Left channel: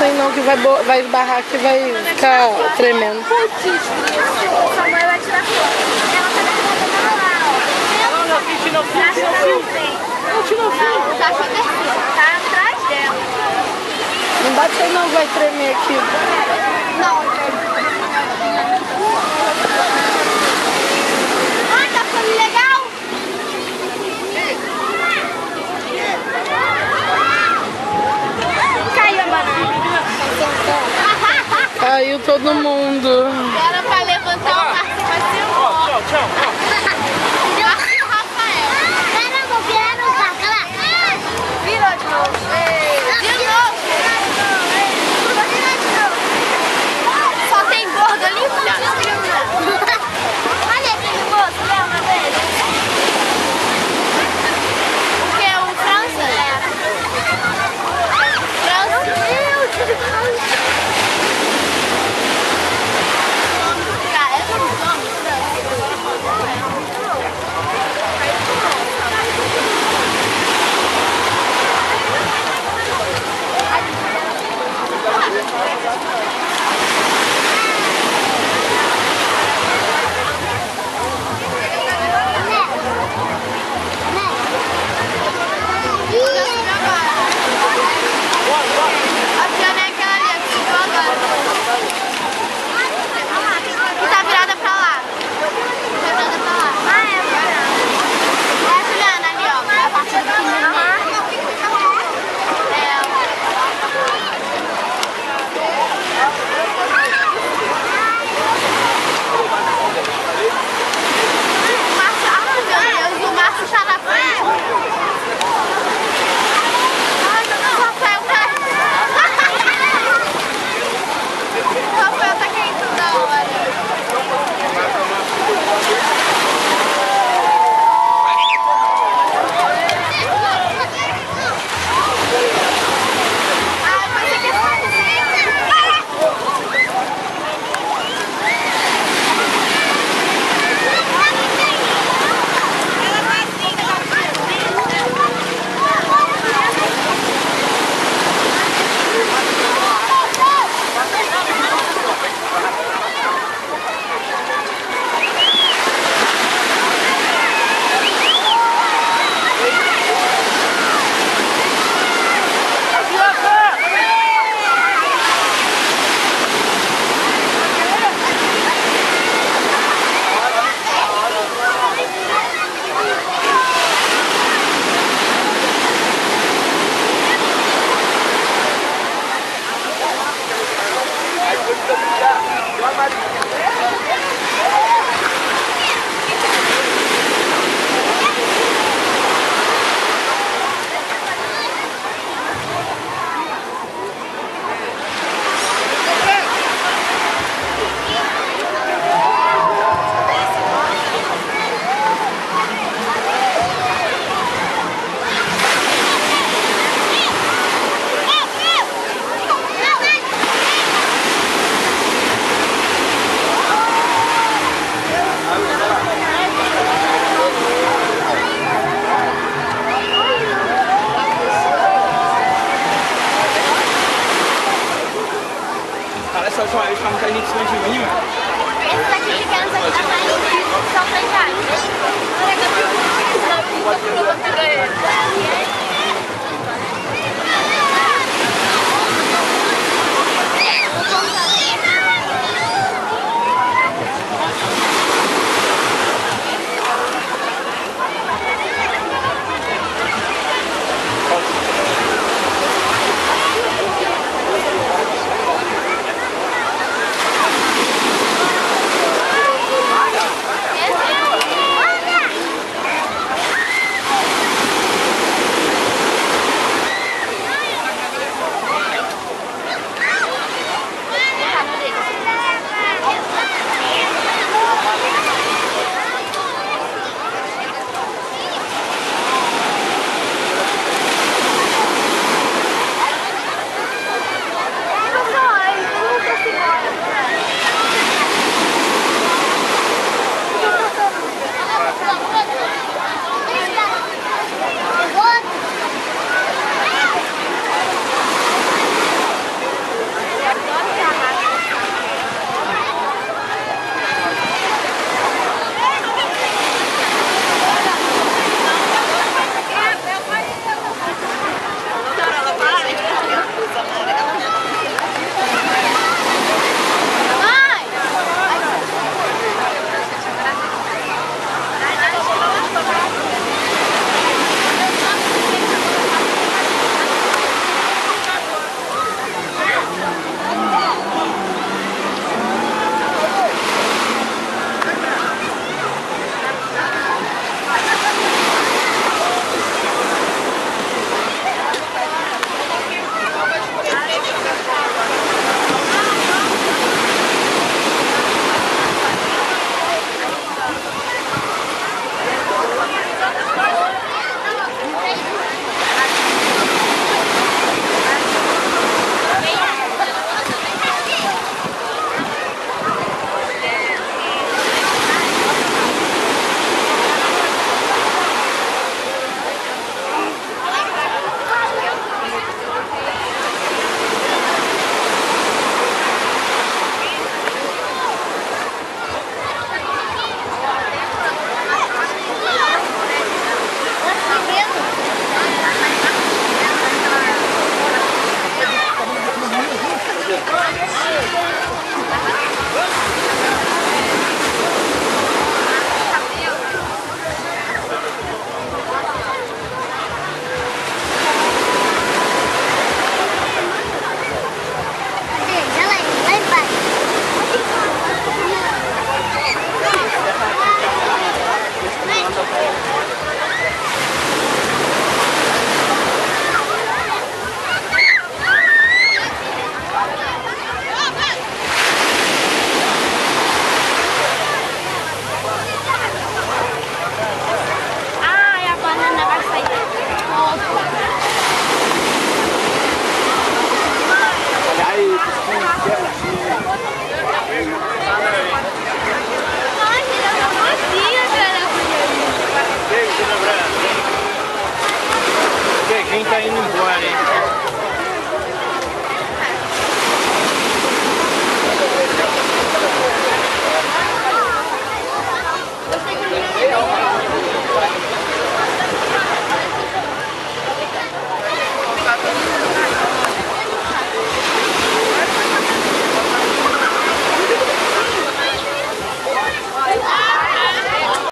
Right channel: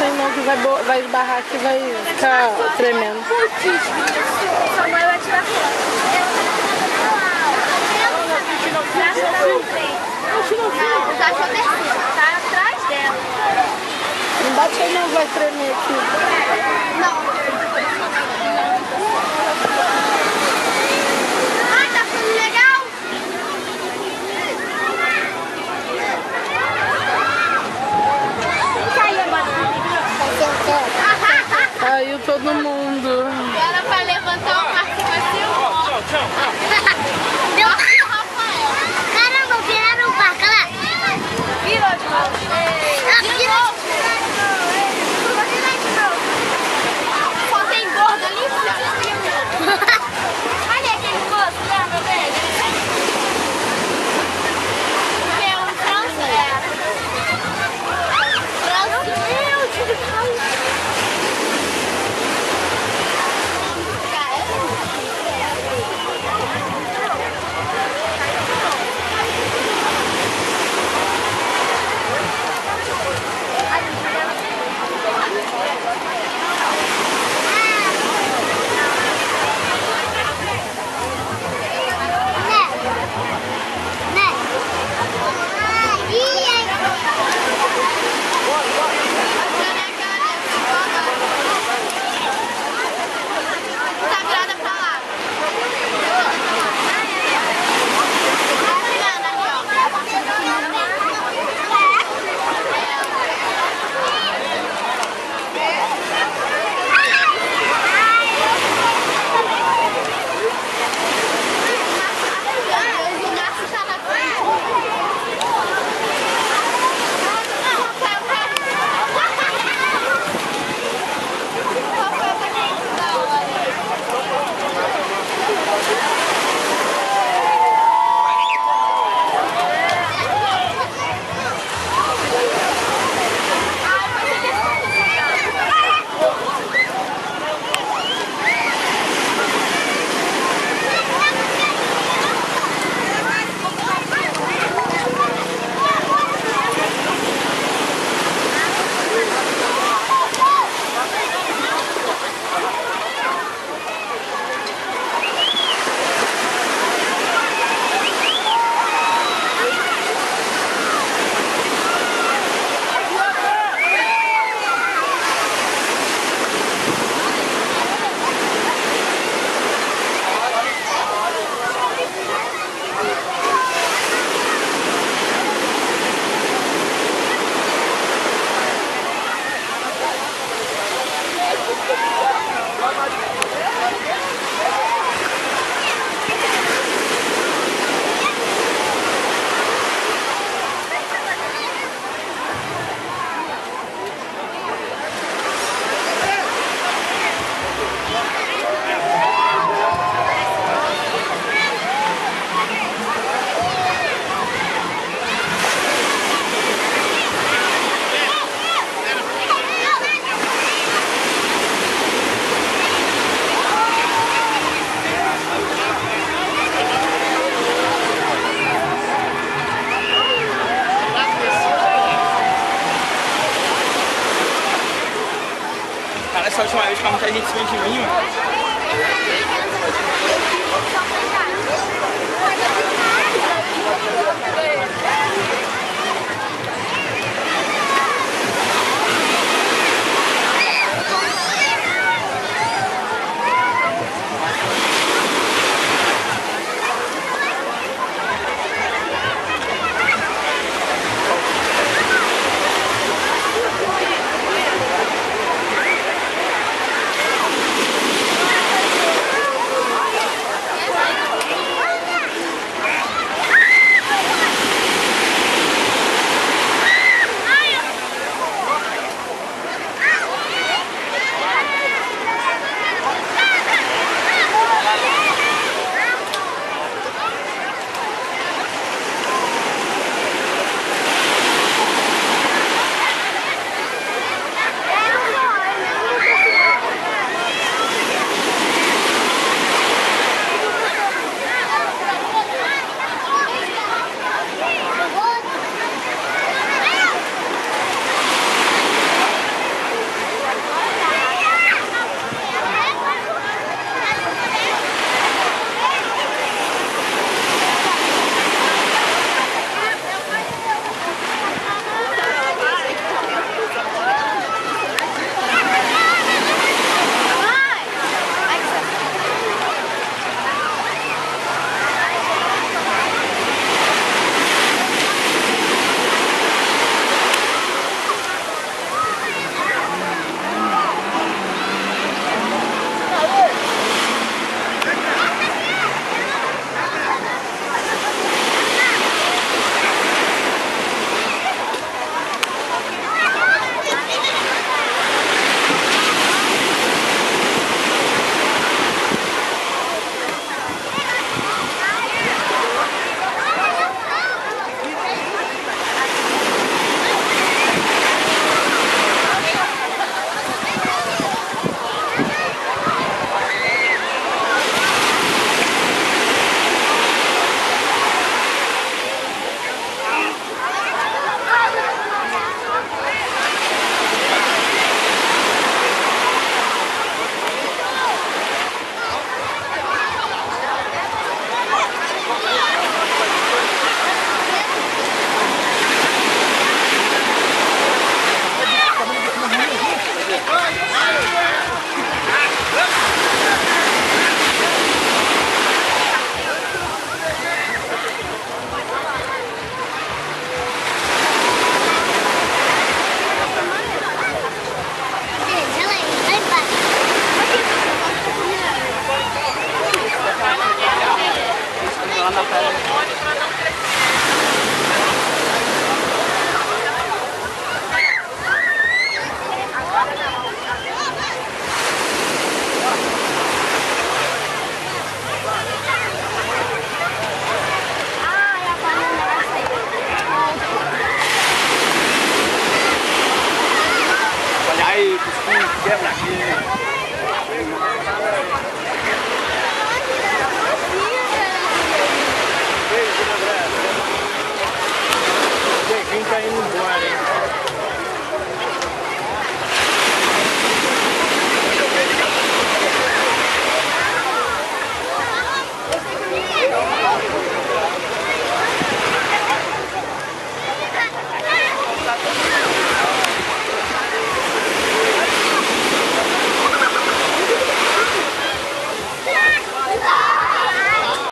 sei não, que vai esbarrar aqui e vai ficar tremendo. Sua mãe vai tirar foto. Ela tá lá, ó. O cachorro tá atrás dela. Não bate aí não, vai tremer aqui. Não. Ah, tá ficando legal? Caiu a banana. Caiu todo mundo. Agora vai levantar o cartão assim. Tchau, tchau. Deu assim, Rafael. Caramba, vieram pra cá. Virou de novo. De novo. Só tem gordo ali, olha esse moço, lembra dele? Que é um francês. Cara, essa última vez que muita gente em cima de mim, mano.